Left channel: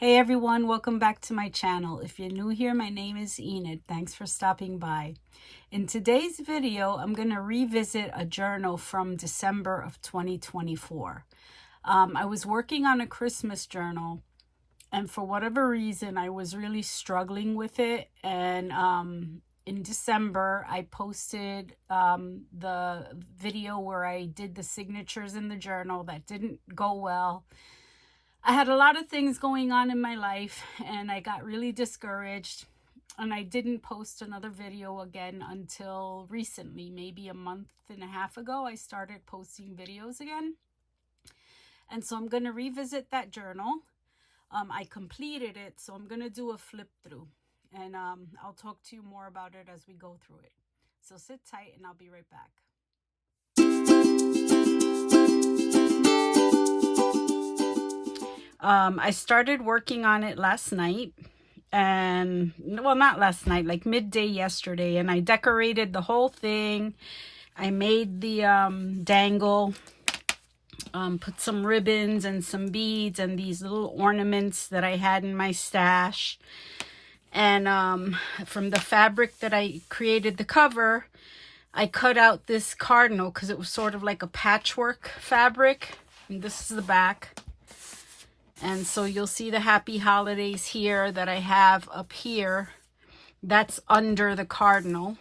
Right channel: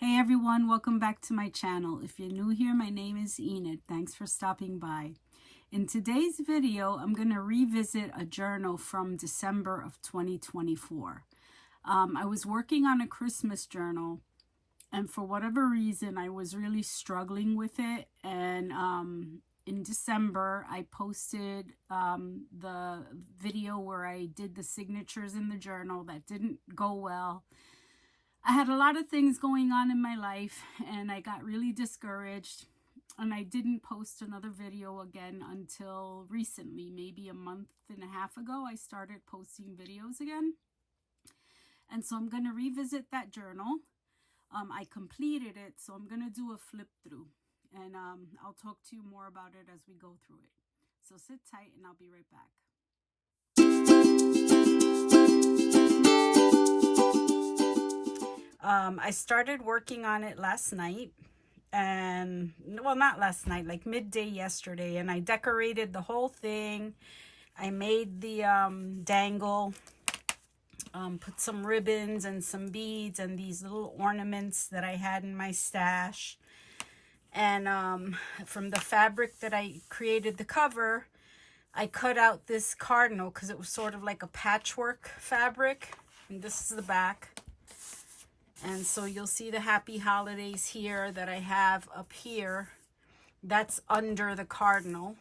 Hey everyone, welcome back to my channel. If you're new here, my name is Enid. Thanks for stopping by. In today's video, I'm going to revisit a journal from December of 2024. I was working on a Christmas journal, and for whatever reason, I was really struggling with it. And in December, I posted the video where I did the signatures in the journal. That didn't go well. I had a lot of things going on in my life and I got really discouraged, and I didn't post another video again until recently. Maybe a month and a half ago I started posting videos again. And so I'm going to revisit that journal. I completed it, so I'm going to do a flip through, and I'll talk to you more about it as we go through it. So sit tight and I'll be right back. I started working on it last night, and well, not last night, like midday yesterday, and I decorated the whole thing. I made the dangle, put some ribbons and some beads and these little ornaments that I had in my stash. And from the fabric that I created the cover, I cut out this cardinal because it was sort of like a patchwork fabric. And this is the back. And so you'll see the happy holidays here that I have up here. That's under the cardinal.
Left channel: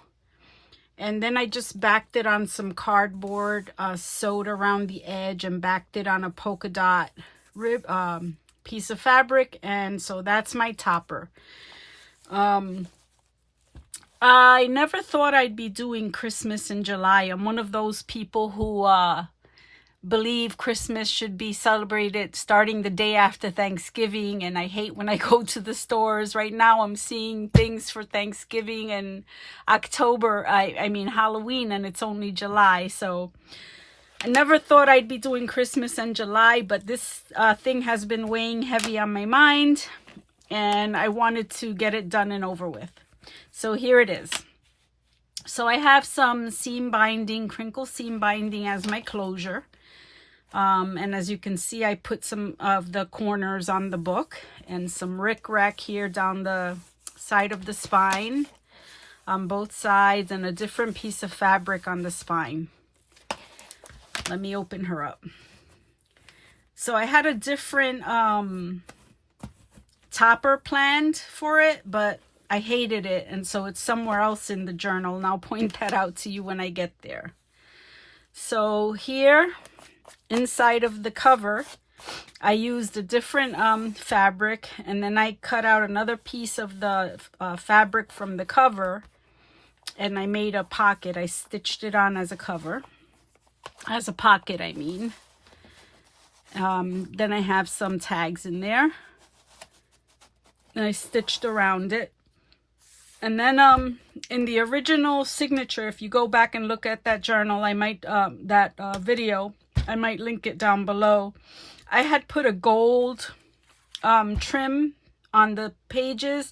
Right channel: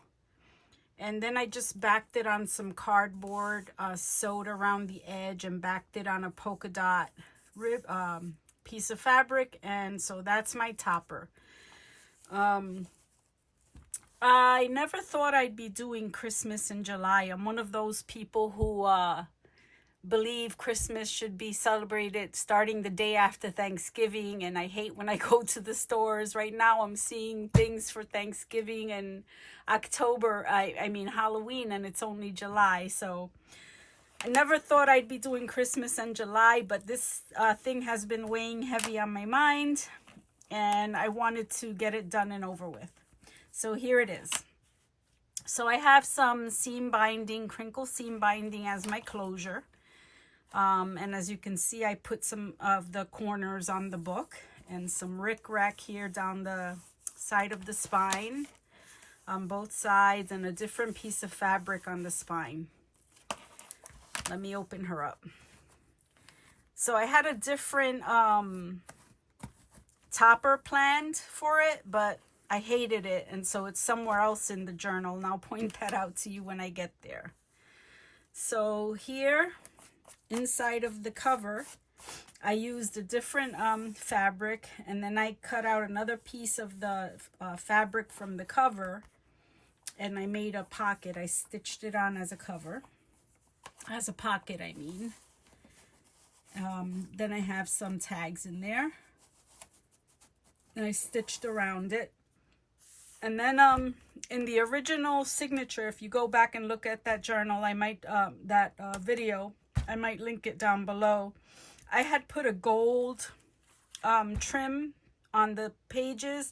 And then I just backed it on some cardboard, sewed around the edge and backed it on a polka dot piece of fabric. And so that's my topper. I never thought I'd be doing Christmas in July. I'm one of those people who believe Christmas should be celebrated starting the day after Thanksgiving, and I hate when I go to the stores. Right now I'm seeing things for Thanksgiving and October, I mean Halloween, and it's only July. So I never thought I'd be doing Christmas in July, but this thing has been weighing heavy on my mind, and I wanted to get it done and over with. So here it is. So I have some seam binding, crinkle seam binding as my closure. And as you can see, I put some of the corners on the book and some rickrack here down the side of the spine on both sides, and a different piece of fabric on the spine. Let me open her up. So I had a different topper planned for it, but I hated it, and so it's somewhere else in the journal, and I'll point that out to you when I get there. So here, inside of the cover, I used a different fabric, and then I cut out another piece of the fabric from the cover, and I made a pocket. I stitched it on as a cover, as a pocket, I mean. Then I have some tags in there, and I stitched around it. And then in the original signature, if you go back and look at that journal, I might video, I might link it down below. I had put a gold trim on the pages,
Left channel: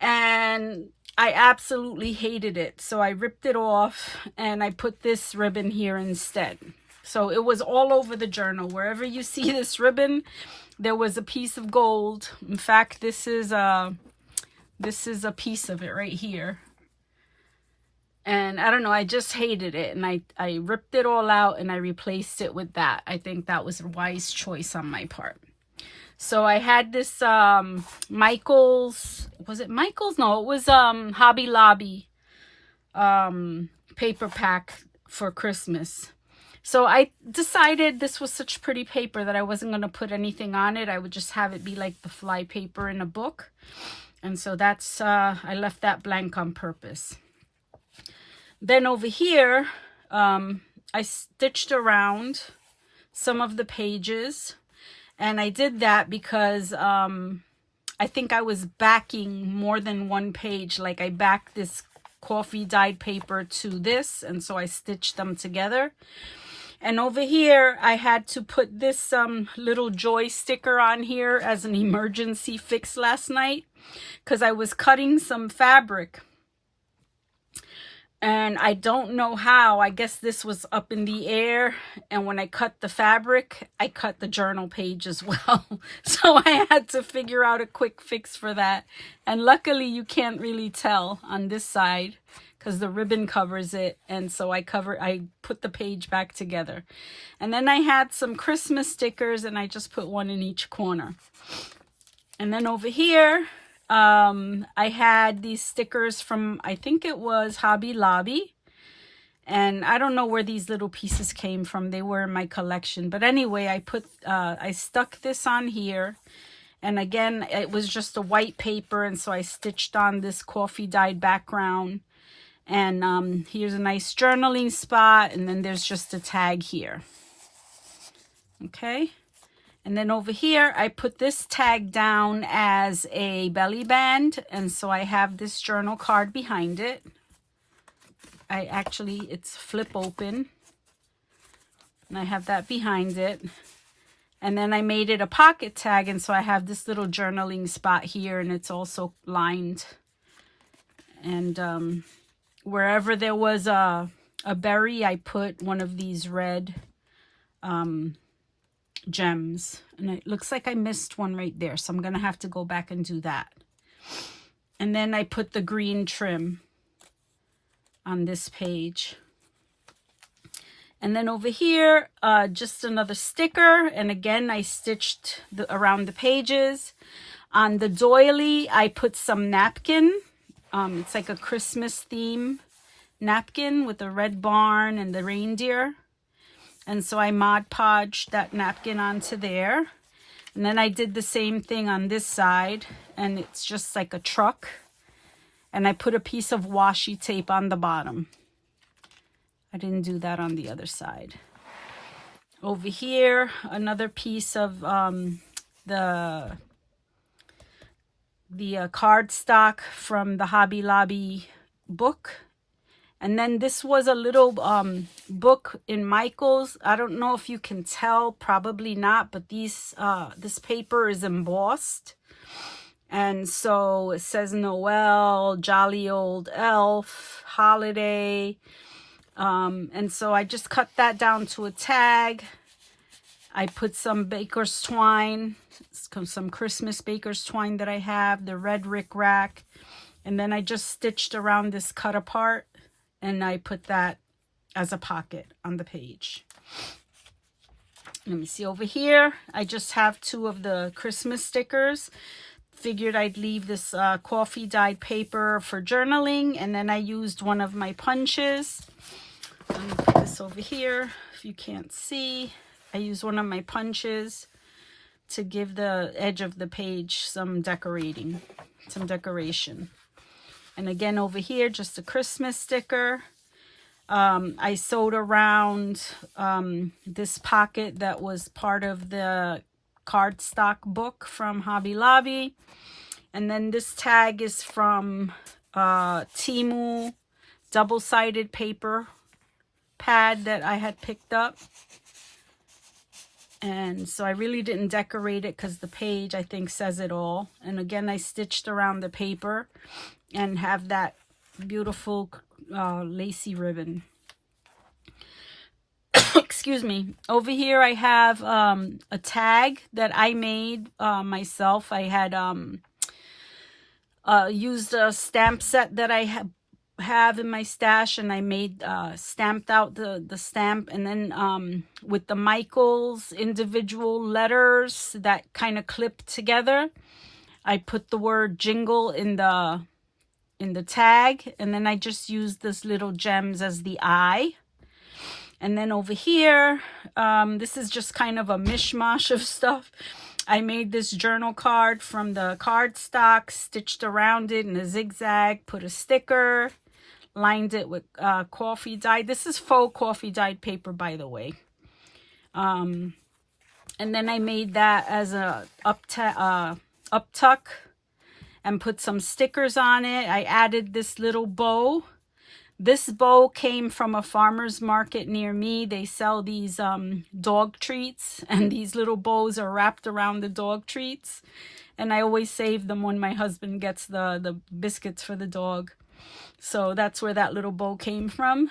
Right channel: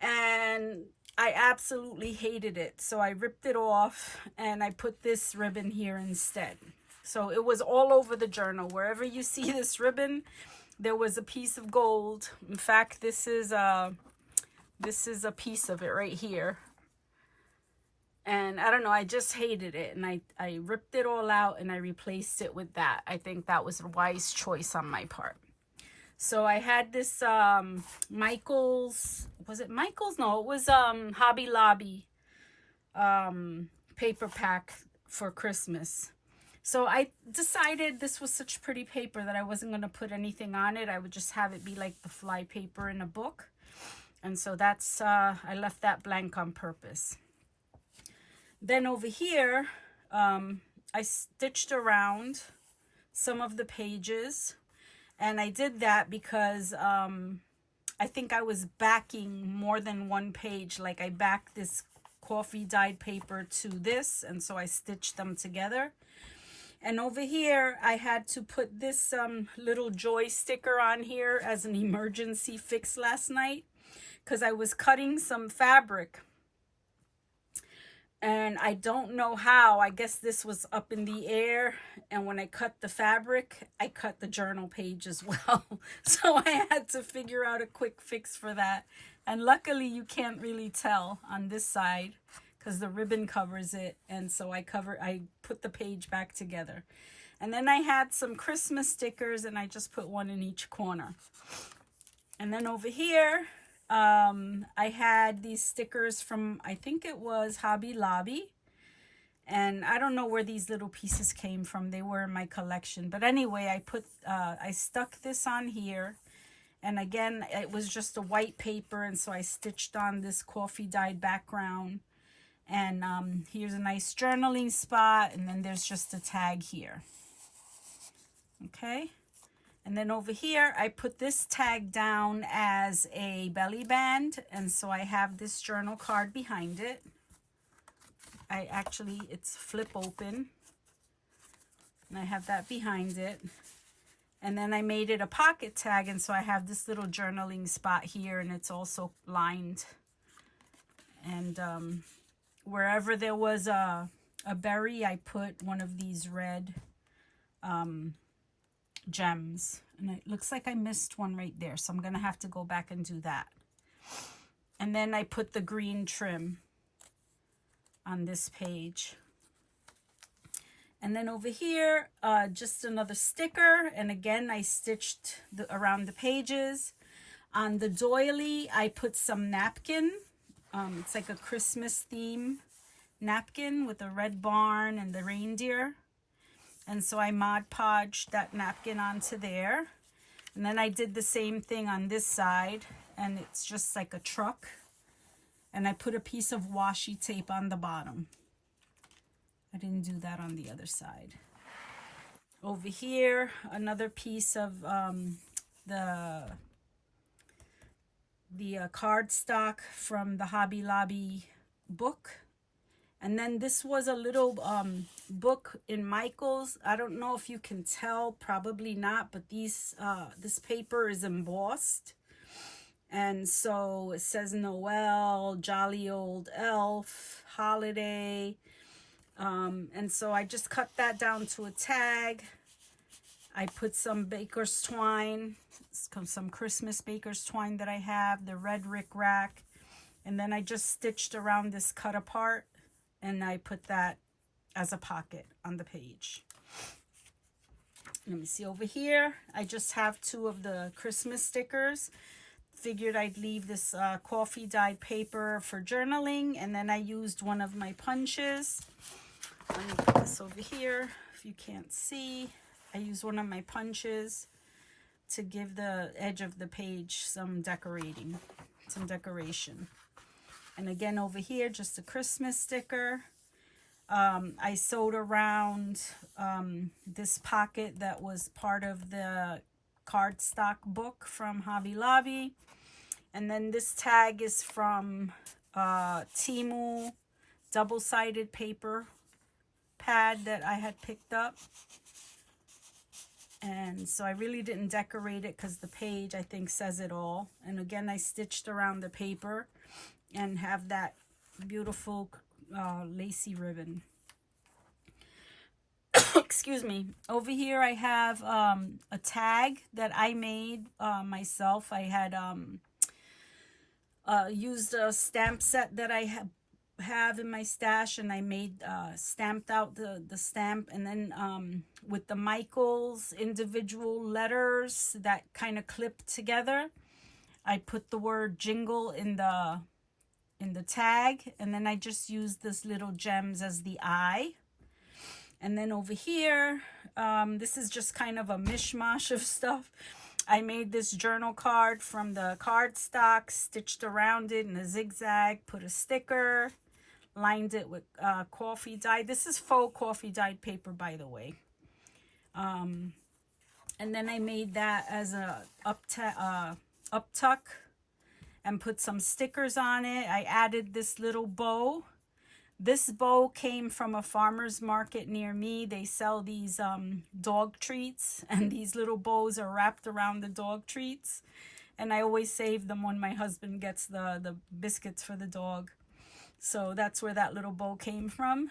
and I absolutely hated it. So I ripped it off and I put this ribbon here instead. So it was all over the journal. Wherever you see this ribbon, there was a piece of gold. In fact, this is a piece of it right here. And I don't know, I just hated it, and I ripped it all out and I replaced it with that. I think that was a wise choice on my part. So I had this Michael's, was it Michael's? No, it was Hobby Lobby paper pack for Christmas. So I decided this was such pretty paper that I wasn't going to put anything on it. I would just have it be like the fly paper in a book. And so that's, I left that blank on purpose. Then over here, I stitched around some of the pages. And I did that because I think I was backing more than one page. Like I backed this coffee dyed paper to this, and so I stitched them together. And over here, I had to put this little joy sticker on here as an emergency fix last night, because I was cutting some fabric, And I don't know how. I guess this was up in the air. And when I cut the fabric, I cut the journal page as well. So I had to figure out a quick fix for that. And luckily you can't really tell on this side because the ribbon covers it. And so I put the page back together. And then I had some Christmas stickers and I just put one in each corner. And then over here, I had these stickers from, I think it was Hobby Lobby. And I don't know where these little pieces came from. They were in my collection. But anyway, I stuck this on here. And again, it was just a white paper. And so I stitched on this coffee dyed background. And here's a nice journaling spot. And then there's just a tag here. Okay. And then over here, I put this tag down as a belly band. And so I have this journal card behind it. It's flip open. And I have that behind it. And then I made it a pocket tag. And so I have this little journaling spot here. And it's also lined. And wherever there was a berry, I put one of these red gems, and it looks like I missed one right there, so I'm gonna have to go back and do that. And then I put the green trim on this page. And then over here, just another sticker, and again I stitched around the pages. On the doily, I put some napkin. It's like a Christmas theme napkin with a red barn and the reindeer. And so I Mod Podged that napkin onto there. And then I did the same thing on this side. And it's just like a truck. And I put a piece of washi tape on the bottom. I didn't do that on the other side. Over here, another piece of the cardstock from the Hobby Lobby book. And then this was a little book in Michael's. I don't know if you can tell, probably not, but this paper is embossed. And so it says Noel, Jolly Old Elf, Holiday. And so I just cut that down to a tag. I put some baker's twine, some Christmas baker's twine that I have, the red rickrack. And then I just stitched around this cut apart. And I put that as a pocket on the page. Let me see over here. I just have two of the Christmas stickers. Figured I'd leave this coffee dyed paper for journaling. And then I used one of my punches. Let me put this over here if you can't see. I used one of my punches to give the edge of the page some decoration. And again, over here, just a Christmas sticker. I sewed around this pocket that was part of the cardstock book from Hobby Lobby. And then this tag is from Temu double-sided paper pad that I had picked up. And so I really didn't decorate it because the page, I think, says it all. And again, I stitched around the paper and have that beautiful lacy ribbon. Excuse me. Over here I have a tag that I made myself. I had used a stamp set that I have in my stash, and I made stamped out the stamp, and then with the Michael's individual letters that kind of clipped together, I put the word jingle in the tag, and then I just used this little gems as the eye. And then over here, this is just kind of a mishmash of stuff. I made this journal card from the cardstock, stitched around it in a zigzag, put a sticker, lined it with coffee dyed. This is faux coffee dyed paper, by the way. And then I made that as a up tuck and put some stickers on it. I added this little bow. This bow came from a farmer's market near me. They sell these dog treats, and these little bows are wrapped around the dog treats. And I always save them when my husband gets the biscuits for the dog. So that's where that little bow came from.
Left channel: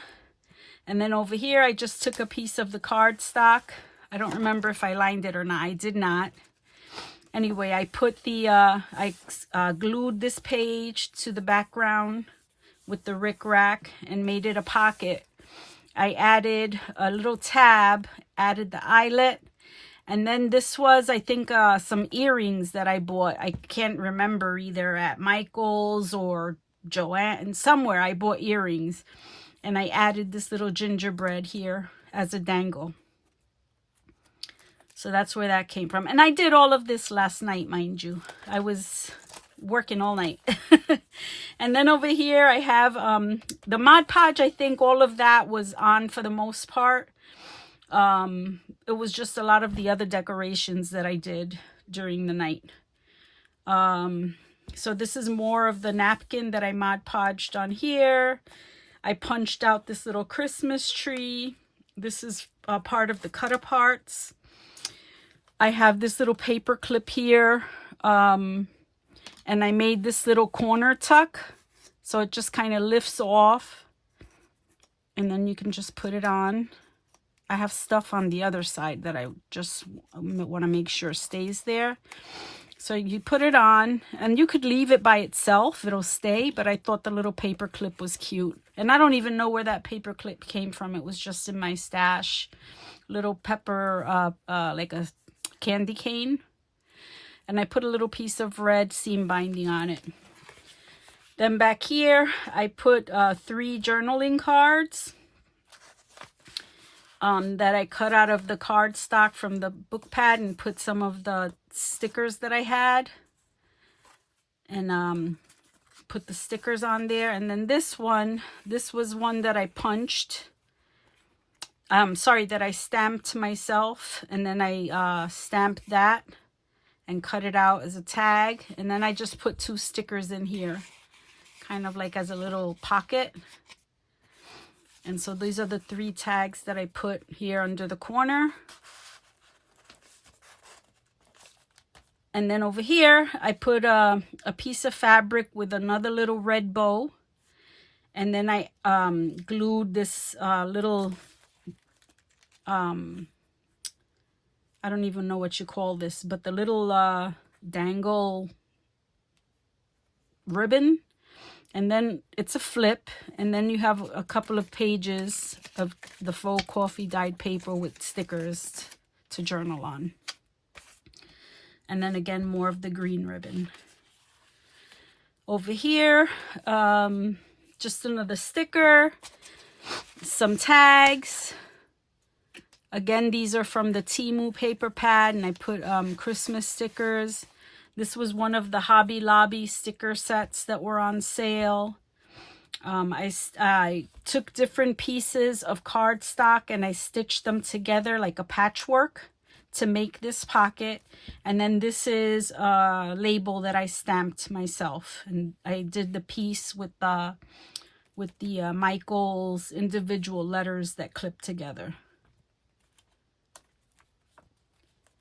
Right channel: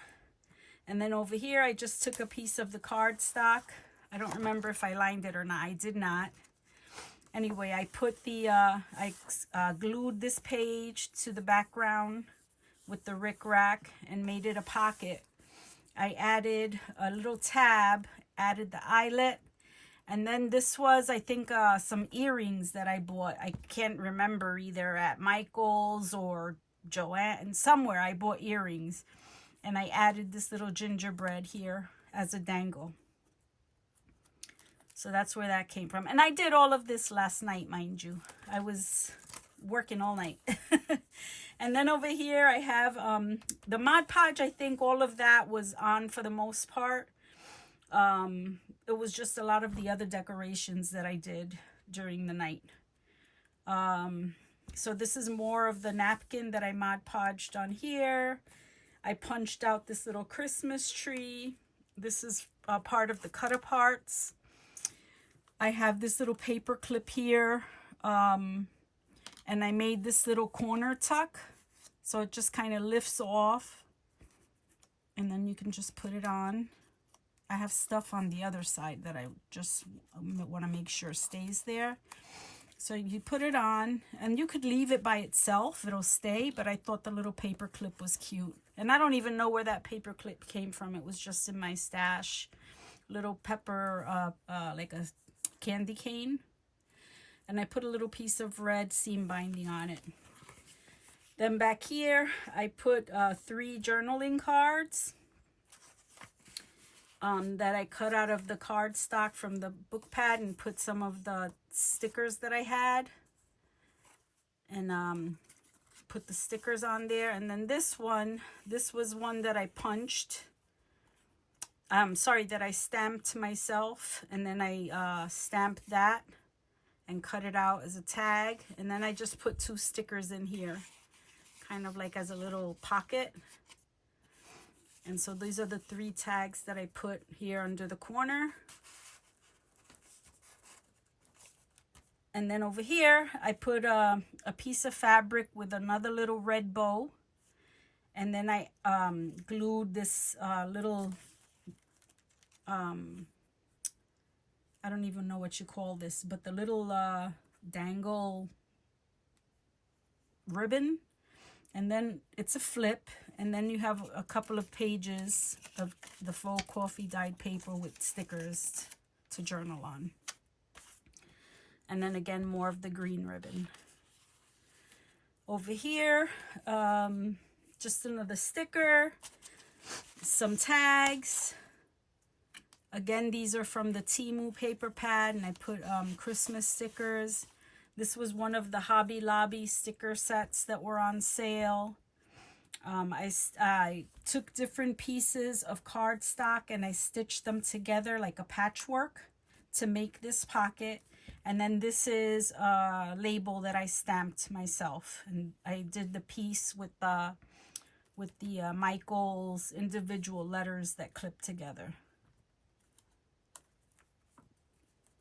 And then over here, I just took a piece of the cardstock. I don't remember if I lined it or not. I did not. Anyway, I put the, I glued this page to the background with the rickrack and made it a pocket. I added a little tab, added the eyelet, and then this was, I think, some earrings that I bought. I can't remember, either at Michael's or Joanne, and somewhere I bought earrings. And I added this little gingerbread here as a dangle. So that's where that came from. And I did all of this last night, mind you. I was working all night. And then over here I have the Mod Podge. I think all of that was on for the most part. It was just a lot of the other decorations that I did during the night. So this is more of the napkin that I Mod Podged on here. I punched out this little Christmas tree. This is part of the cut aparts. I have this little paper clip here. And I made this little corner tuck. So it just kind of lifts off. And then you can just put it on. I have stuff on the other side that I just want to make sure stays there. So you put it on, and you could leave it by itself. It'll stay, but I thought the little paper clip was cute. And I don't even know where that paper clip came from. It was just in my stash. Little pepper, like a candy cane. And I put a little piece of red seam binding on it. Then back here, I put 3 journaling cards that I cut out of the cardstock from the book pad and put some of the stickers that I had. And put the stickers on there. And then this was one that I punched. Sorry, that I stamped myself. And then I stamped that and cut it out as a tag. And then I just put 2 stickers in here, kind of like as a little pocket. And so these are the 3 tags that I put here under the corner. And then over here, I put a piece of fabric with another little red bow. And then I glued this little, I don't even know what you call this, but the little dangle ribbon. And then it's a flip, and then you have a couple of pages of the faux coffee dyed paper with stickers to journal on. And then again, more of the green ribbon. Over here, just another sticker, some tags. Again, these are from the Temu paper pad, and I put Christmas stickers. This was one of the Hobby Lobby sticker sets that were on sale. I took different pieces of cardstock and I stitched them together like a patchwork to make this pocket. And then this is a label that I stamped myself. And I did the piece with the Michael's individual letters that clip together.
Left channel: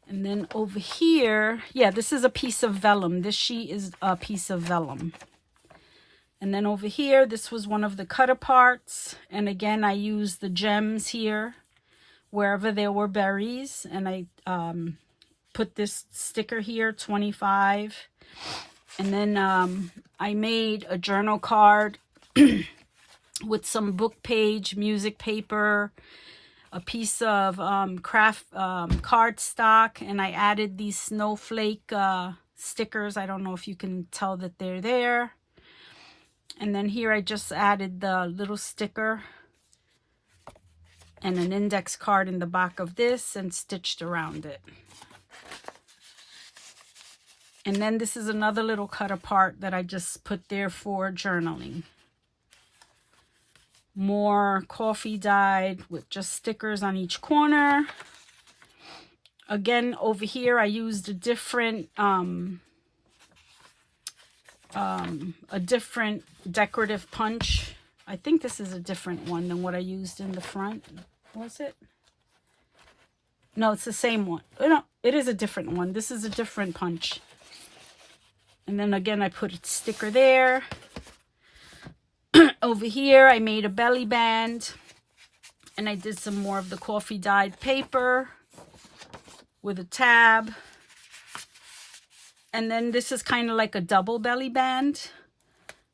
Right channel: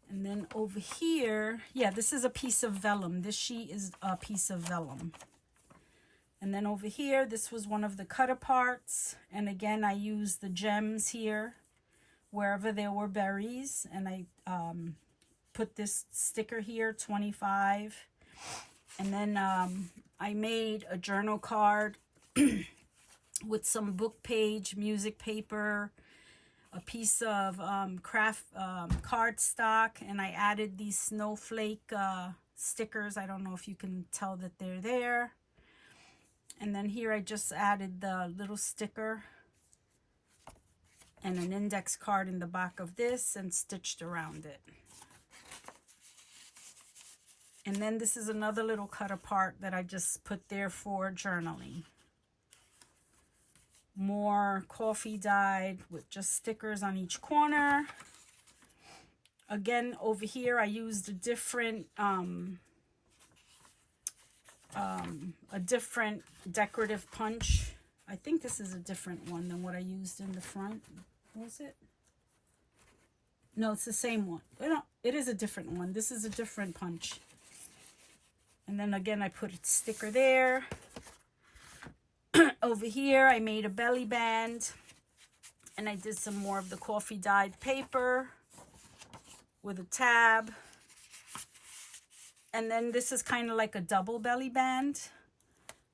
And then over here, yeah, this is a piece of vellum. This sheet is a piece of vellum. And then over here, this was one of the cut aparts. And again, I used the gems here, wherever there were berries. And I put this sticker here, 25. And then I made a journal card with some book page, music paper, a piece of craft cardstock, and I added these snowflake stickers. I don't know if you can tell that they're there. And then here I just added the little sticker and an index card in the back of this and stitched around it. And then this is another little cut apart that I just put there for journaling. More coffee dyed with just stickers on each corner. Again, over here I used a different decorative punch. I think this is a different one than what I used in the front. Was it? No, it's the same one. No, it is a different one. This is a different punch. And then again, I put a sticker there. Over here, I made a belly band, and I did some more of the coffee dyed paper with a tab. And then this is kind of like a double belly band.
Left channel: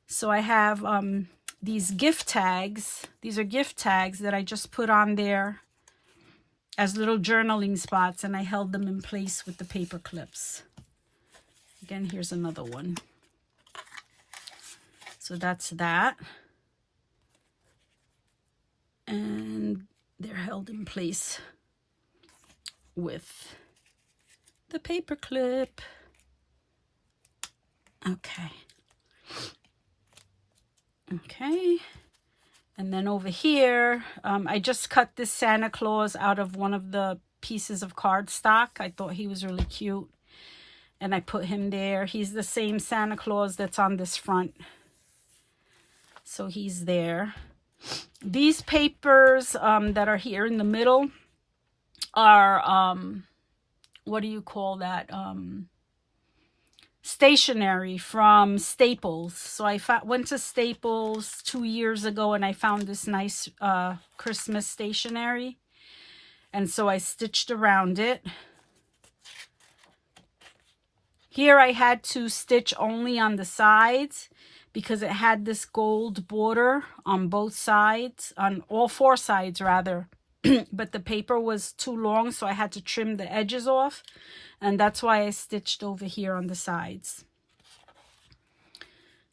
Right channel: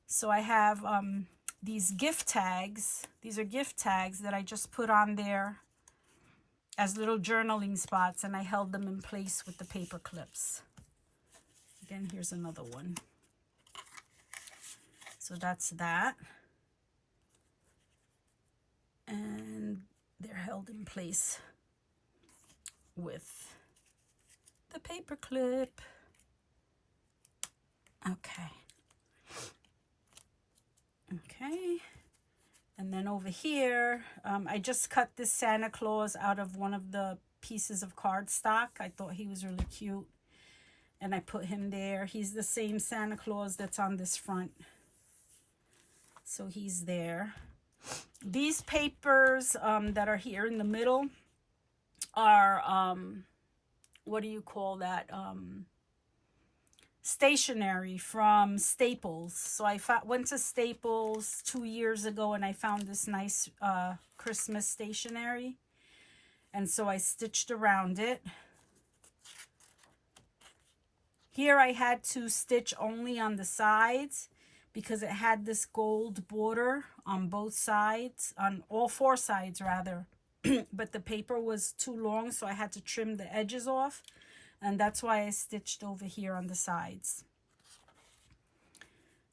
So I have these gift tags. These are gift tags that I just put on there as little journaling spots, and I held them in place with the paper clips. Again, here's another one. So that's that. And they're held in place with the paper clip. Okay. Okay. And then over here, I just cut this Santa Claus out of one of the pieces of cardstock. I thought he was really cute, and I put him there. He's the same Santa Claus that's on this front. So he's there. These papers that are here in the middle are, what do you call that? Stationery from Staples. So I went to Staples 2 years ago, and I found this nice Christmas stationery. And so I stitched around it. Here I had to stitch only on the sides because it had this gold border on both sides, on all 4 sides rather. But the paper was too long, so I had to trim the edges off. And that's why I stitched over here on the sides.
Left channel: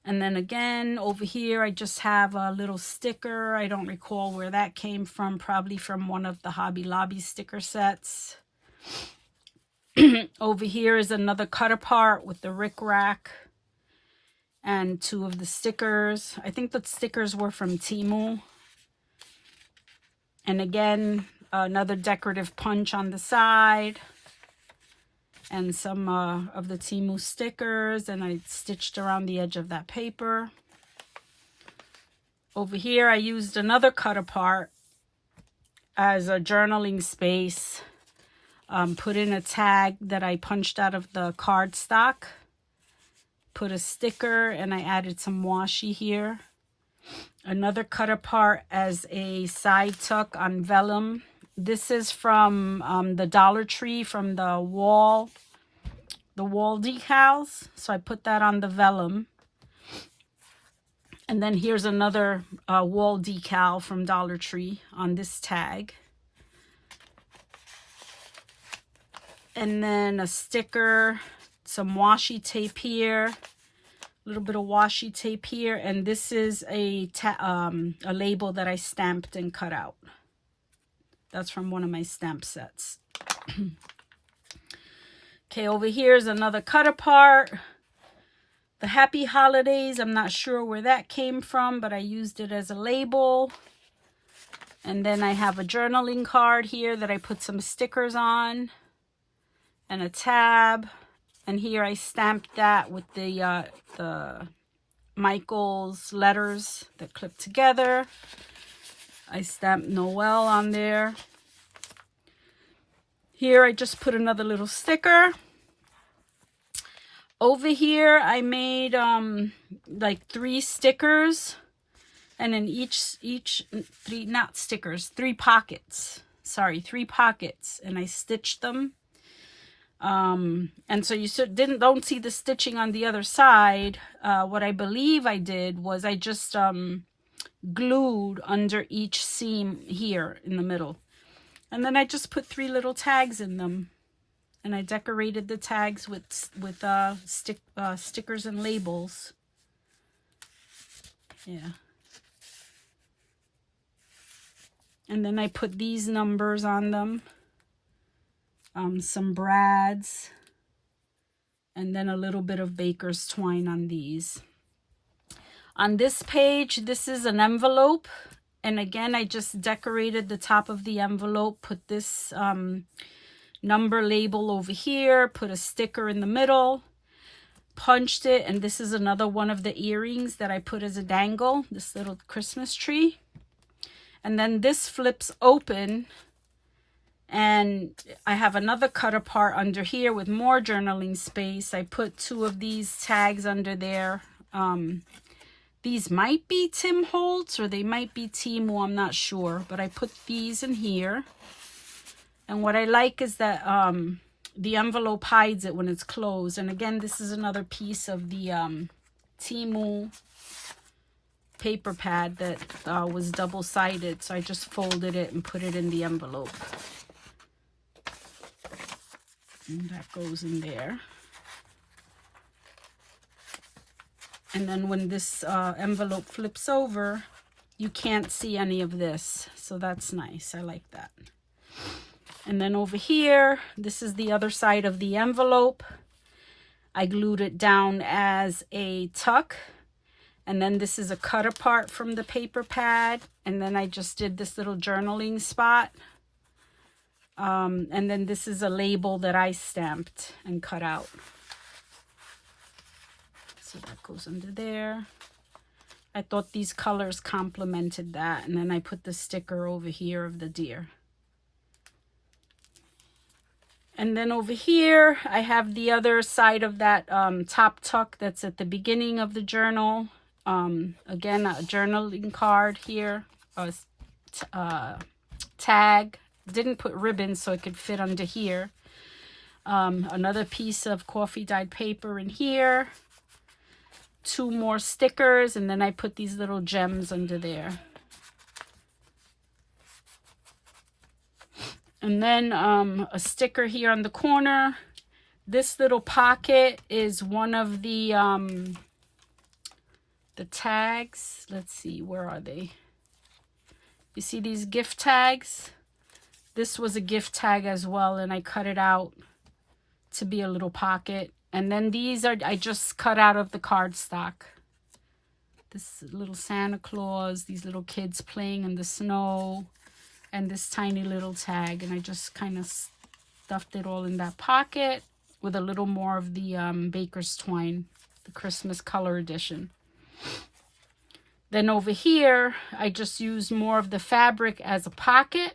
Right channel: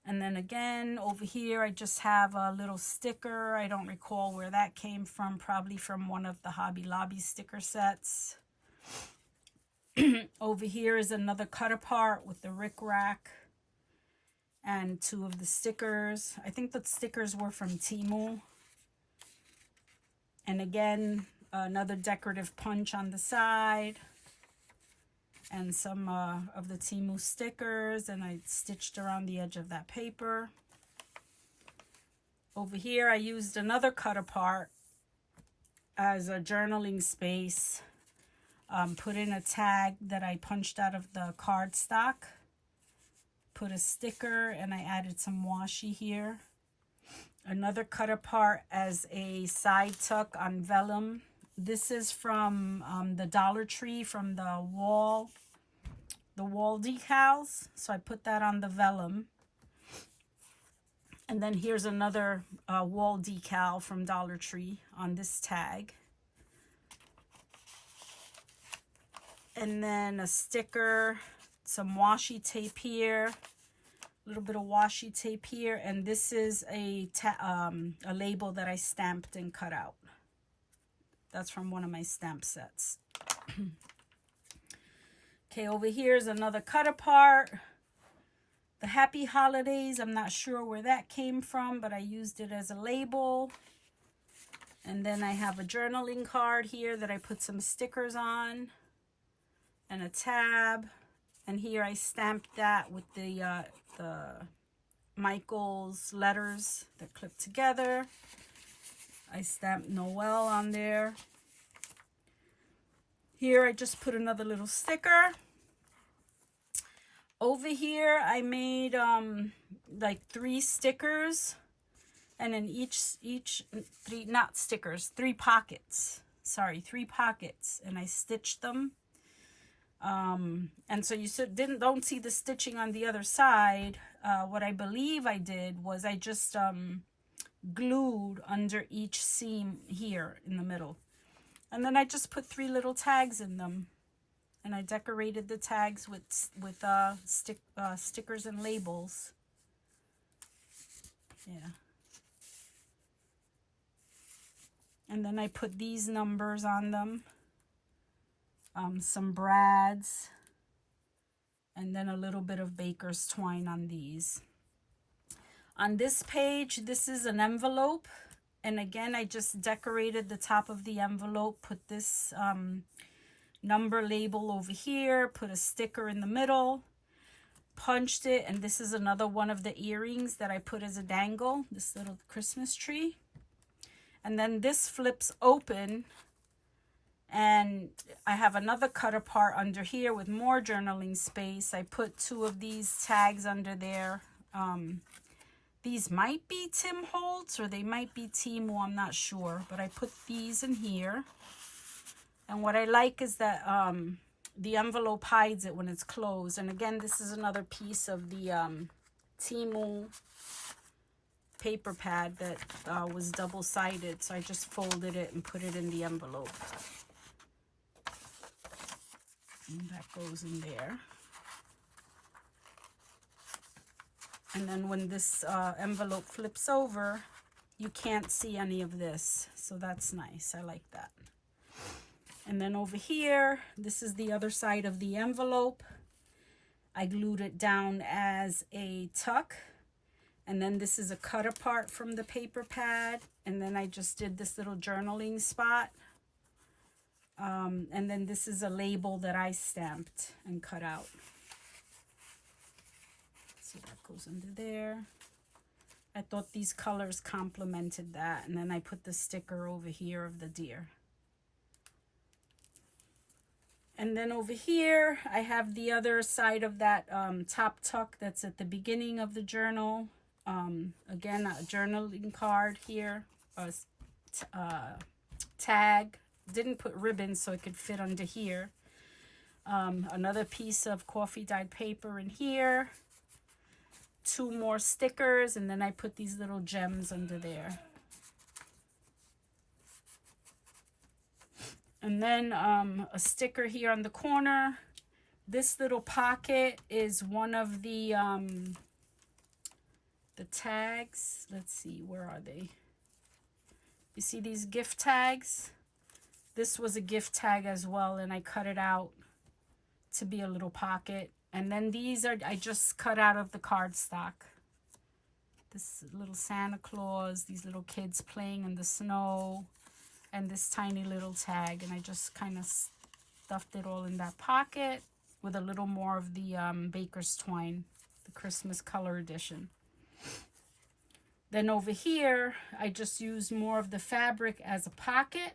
And then again, over here, I just have a little sticker. I don't recall where that came from. Probably from one of the Hobby Lobby sticker sets. Over here is another cut apart with the rickrack and 2 of the stickers. I think the stickers were from Temu. And again, another decorative punch on the side. And some of the Temu stickers, and I stitched around the edge of that paper. Over here, I used another cut apart as a journaling space. Put in a tag that I punched out of the cardstock. Put a sticker, and I added some washi here. Another cut apart as a side tuck on vellum. This is from the Dollar Tree, from the wall decals. So I put that on the vellum. And then here's another wall decal from Dollar Tree on this tag. And then a sticker, some washi tape here, a little bit of washi tape here. And this is a label that I stamped and cut out. That's from one of my stamp sets. Okay, over here is another cut apart. The Happy Holidays, I'm not sure where that came from, but I used it as a label. And then I have a journaling card here that I put some stickers on. And a tab. And here I stamped that with the Michael's letters that clip together. I stamped Noel on there. Here I just put another little sticker. Over here I made like 3 stickers, and in three pockets. Sorry, 3 pockets, and I stitched them. And so you don't see the stitching on the other side. What I believe I did was I just glued under each seam here in the middle, and then I just put 3 little tags in them, and I decorated the tags with stickers and labels. Yeah. And then I put these numbers on them, some brads, and then a little bit of baker's twine on these. On this page, this is an envelope. And again, I just decorated the top of the envelope, put this number label over here, put a sticker in the middle, punched it. And this is another one of the earrings that I put as a dangle, this little Christmas tree. And then this flips open, and I have another cut apart under here with more journaling space. I put 2 of these tags under there. These might be Tim Holtz or they might be Temu, I'm not sure. But I put these in here. And what I like is that the envelope hides it when it's closed. And again, this is another piece of the Temu paper pad that was double-sided. So I just folded it and put it in the envelope. And that goes in there. And then when this envelope flips over, you can't see any of this. So that's nice. I like that. And then over here, this is the other side of the envelope. I glued it down as a tuck. And then this is a cut apart from the paper pad. And then I just did this little journaling spot. And then this is a label that I stamped and cut out. So that goes under there. I thought these colors complemented that. And then I put the sticker over here of the deer. And then over here, I have the other side of that top tuck that's at the beginning of the journal. Again, a journaling card here, a tag. Didn't put ribbons so it could fit under here. Another piece of coffee dyed paper in here. 2 more stickers, and then I put these little gems under there. And then a sticker here on the corner. This little pocket is one of the tags. Let's see, where are they? You see these gift tags? This was a gift tag as well, and I cut it out to be a little pocket. And then these are, I just cut out of the cardstock. This little Santa Claus, these little kids playing in the snow, and this tiny little tag. And I just kind of stuffed it all in that pocket with a little more of the baker's twine, the Christmas color edition. Then over here, I just used more of the fabric as a pocket.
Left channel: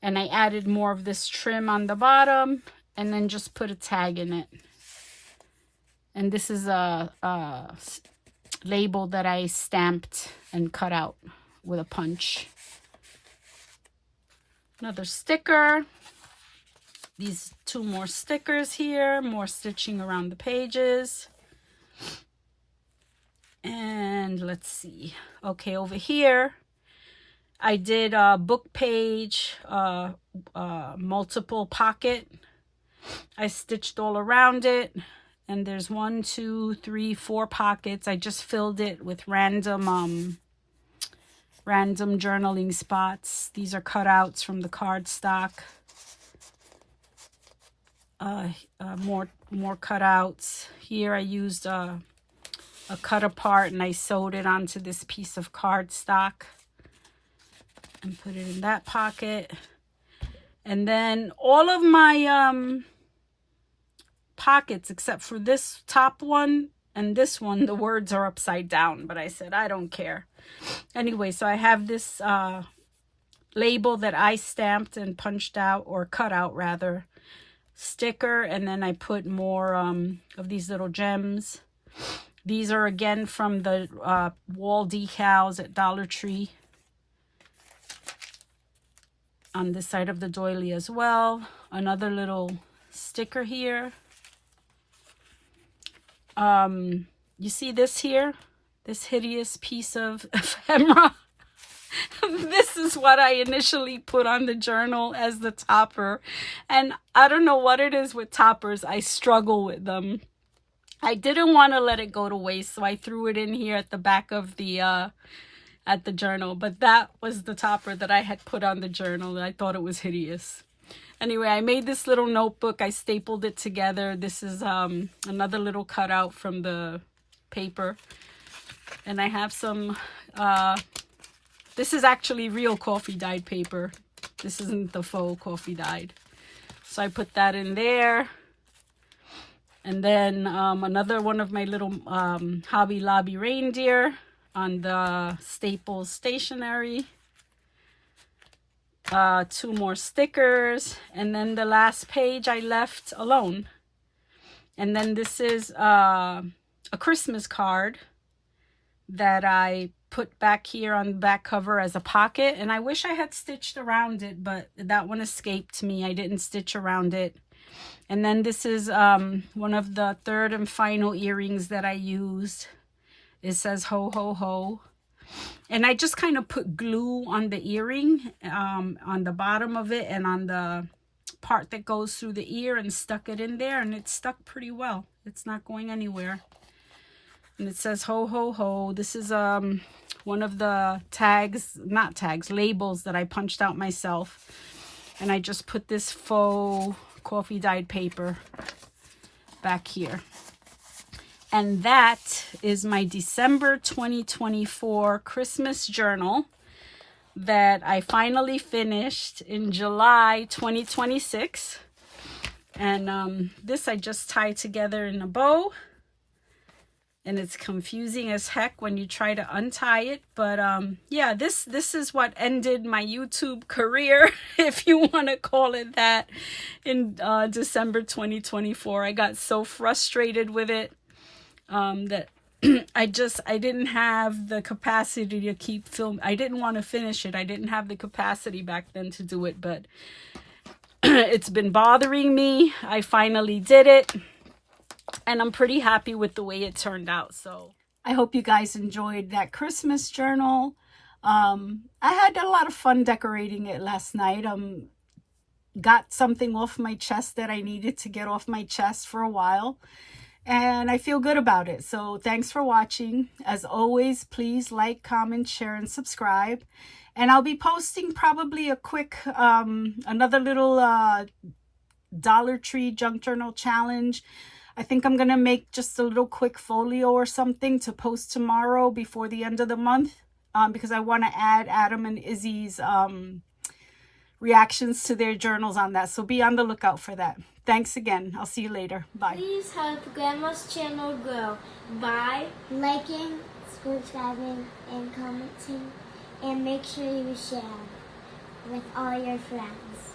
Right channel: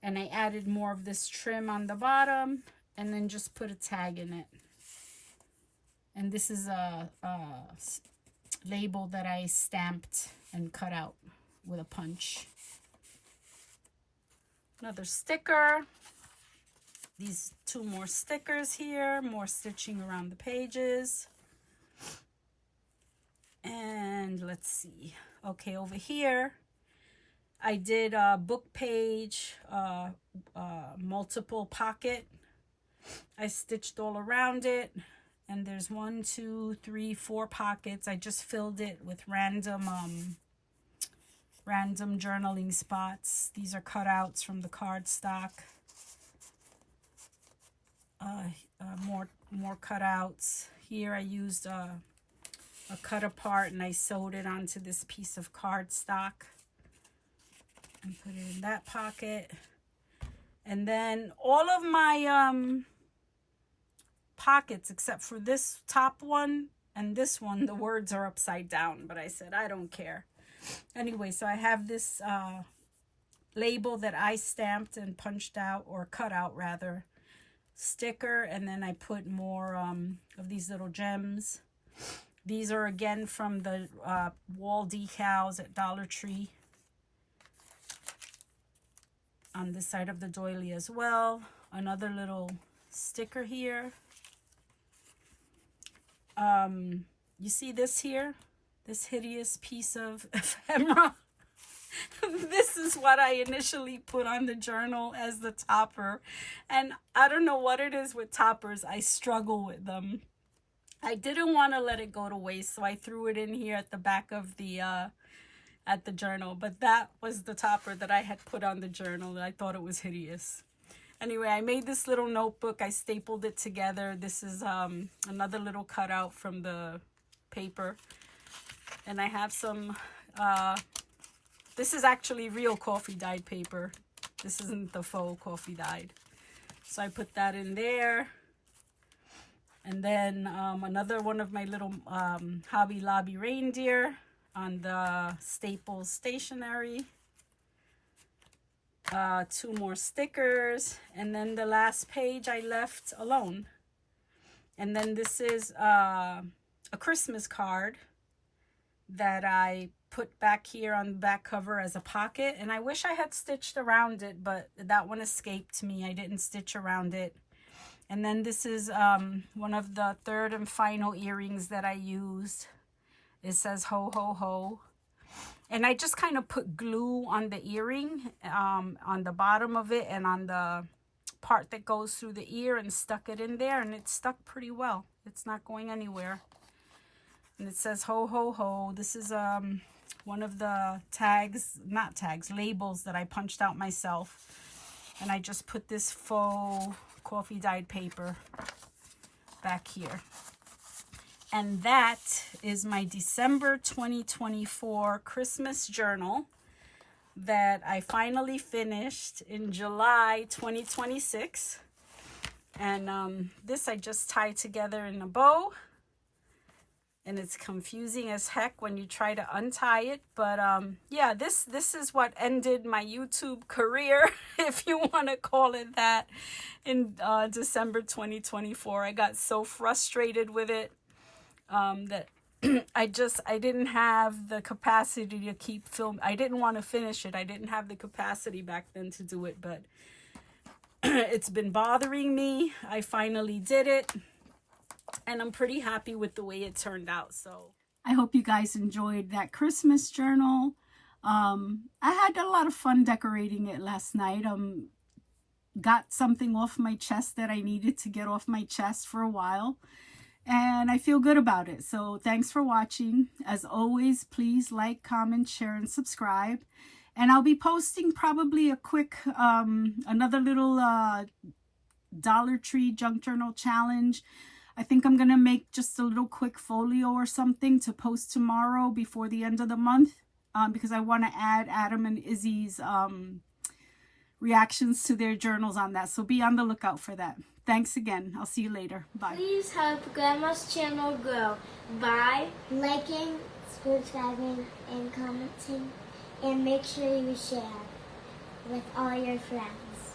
And I added more of this trim on the bottom, and then just put a tag in it. And this is a label that I stamped and cut out with a punch. Another sticker. These 2 more stickers here, more stitching around the pages. And let's see. Okay, over here, I did a book page, multiple pocket. I stitched all around it. And there's 1, 2, 3, 4 pockets. I just filled it with random journaling spots. These are cutouts from the cardstock. More cutouts. Here I used a cut apart and I sewed it onto this piece of cardstock and put it in that pocket. And then all of my pockets, except for this top one and this one, the words are upside down, but I said I don't care. Anyway, so I have this label that I stamped and punched out, or cut out rather, sticker, and then I put more of these little gems. These are again from the wall decals at Dollar Tree. On this side of the doily as well. Another little sticker here. You see this here? This hideous piece of ephemera. This is what I initially put on the journal as the topper. And I don't know what it is with toppers. I struggle with them. I didn't want to let it go to waste, so I threw it in here at the back of the at the journal. But that was the topper that I had put on the journal, and I thought it was hideous. Anyway, I made this little notebook. I stapled it together. This is another little cutout from the paper. And I have some, this is actually real coffee dyed paper. This isn't the faux coffee dyed. So I put that in there. And then another one of my little Hobby Lobby reindeer on the Staples stationery. 2 more stickers, and then the last page I left alone. And then this is a Christmas card that I put back here on the back cover as a pocket, and I wish I had stitched around it, but that one escaped me. I didn't stitch around it. And then this is one of the third and final earrings that I used. It says ho ho ho, and I just kind of put glue on the earring, on the bottom of it and on the part that goes through the ear, and stuck it in there, and it stuck pretty well. It's not going anywhere. And it says ho ho ho. This is one of the labels that I punched out myself, and I just put this faux coffee dyed paper back here. And that is my December 2024 Christmas journal that I finally finished in July 2026. And this I just tied together in a bow. And it's confusing as heck when you try to untie it. But yeah, this is what ended my YouTube career, if you want to call it that, in December 2024. I got so frustrated with it that I didn't have the capacity to keep filming. I didn't want to finish it. I didn't have the capacity back then to do it, but it's been bothering me. I finally did it, and I'm pretty happy with the way it turned out. So I hope you guys enjoyed that Christmas journal. I had a lot of fun decorating it last night. Got something off my chest that I needed to get off my chest for a while, and I feel good about it. So thanks for watching. As always, please like, comment, share, and subscribe. And I'll be posting probably a quick, another little Dollar Tree junk journal challenge. I think I'm going to make just a little quick folio or something to post tomorrow before the end of the month, because I want to add Adam and Izzy's reactions to their journals on that. So be on the lookout for that. Thanks again. I'll see you later. Bye. Please help Grandma's channel grow by liking, subscribing, and commenting. And make sure you share with all your friends.